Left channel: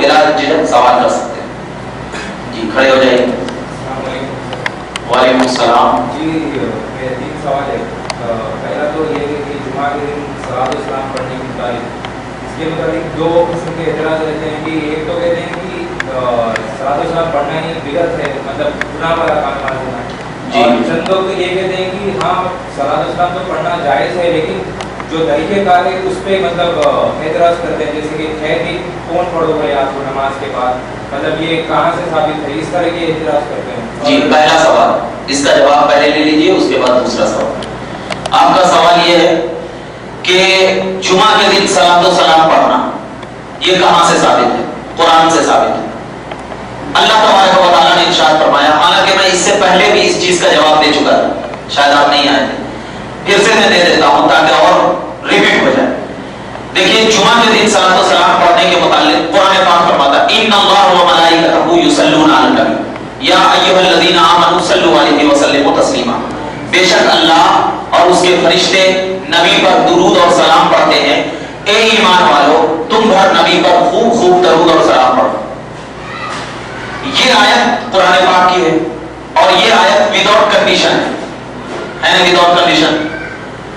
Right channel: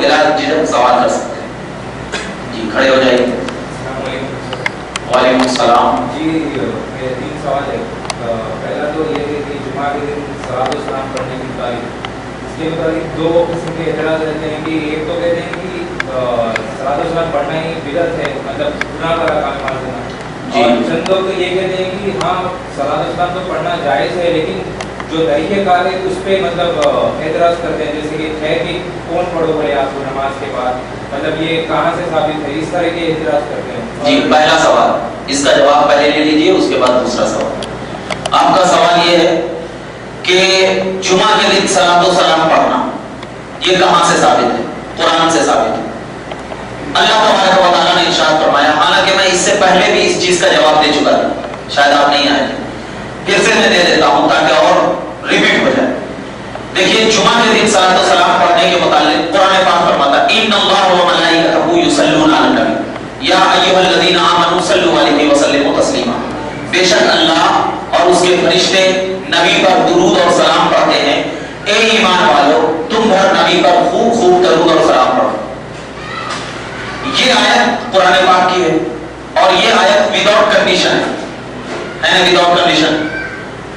بلا جھجک سوال کر سکتے ہیں. جی کھڑے ہو جائیے. وعلیکم السلام. جی میرے 3 سوال ہے. پہلا تو یہ ہے کہ جمعہ کے دن صلاۃ السلام پڑھنے کی تعریف، اس کے مطابق 2 قسم کے اعتراض رہتے ہیں کہ ایک تو کہتے ہیں کہ صلاۃ السلام پڑھنا ہی بدعت ہے، مطلب گناہ والا کام معلوم ہونا ہے. اور چند لوگ تو یہ کہتے ہیں کہ ہاں صلاۃ السلام تو پڑھنا جائز ہے، لیکن جو طریقہ کار ہے اس پہ مطلب اعتراض کرتے ہیں، جیسے کہ ہے کہ کون پڑھو بھائی آپ کو نماز کے بعد، مطلب یہ کہاں سے ثابت ہے، اس طرح کے اعتراض کرتے ہیں. جی پہلا سوال، اس کا جواب پہلے لے لیجیے، اس کے بعد دوسرا سوال. آپ کا سوال یہ ہے کہ جمعہ کے دن صلاۃ السلام پڑھنا یہ کہاں سے ثابت ہے؟ قرآن سے ثابت ہے. اللہ تبارک و تعالیٰ نے ارشاد فرمایا، حالانکہ میں اس سے پہلے بھی اس چیز کا جواب دے چکا تھا، شاید آپ نہیں آئے تھے، پھر سے میں دے دیتا ہوں تاکہ اور ریپیٹ ہو جائے. دیکھیے جمعہ کے دن صلاۃ السلام پڑھنے کے متعلق قرآن پاک فرماتا ہے ان اللہ و ملائکتہ یصلون علی النبی یا ایھا الذین آمنوا صلوا علیہ وسلموا تسلیما. بے شک اللہ اور اس کے فرشتے نبی پر درود اور سلام پڑھتے ہیں. اے ایمان والو تم ہر نبی پر خوب خوب درود اور سلام پڑھو. یہ آیت قرآن پاک کی ہے اور یہ آیت وداؤٹ کنڈیشن ہے نا، وداؤٹ کنڈیشن.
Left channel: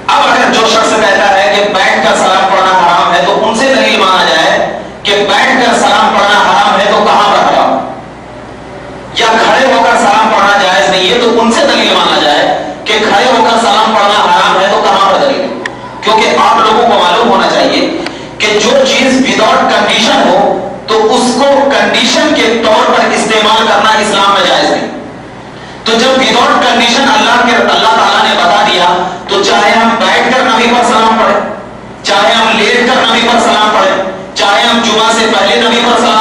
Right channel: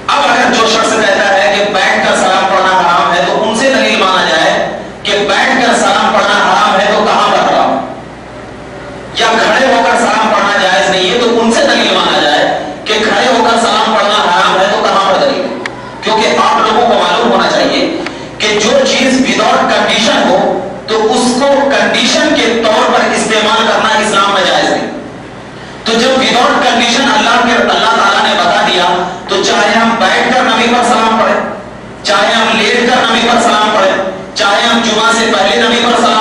اب اگر جو شخص کہتا ہے کہ بیٹھ کر سلام پڑھنا حرام ہے تو ان سے دلیل مانا جائے کہ بیٹھ کر سلام پڑھنا حرام ہے تو کہاں پر حرام، یا کھڑے ہو کر سلام پڑھنا جائز نہیں ہے تو ان سے دلیل مانا جائے کہ کھڑے ہو کر سلام پڑھنا حرام ہے تو کہاں پر دلیل ہے. کیونکہ آپ لوگوں کو معلوم ہونا چاہیے کہ جو چیز وداؤٹ کنڈیشن ہو تو اس کو کنڈیشن کے طور پر استعمال کرنا اسلام میں جائز نہیں. تو جب وداؤٹ کنڈیشن اللہ تعالیٰ نے بتا دیا تو چاہے ہم بیٹھ کر نبی پر سلام پڑھیں، چاہے ہم لیٹ کر نبی پر سلام پڑھیں، چاہے ہم جمعہ سے پہلے نبی پر سلام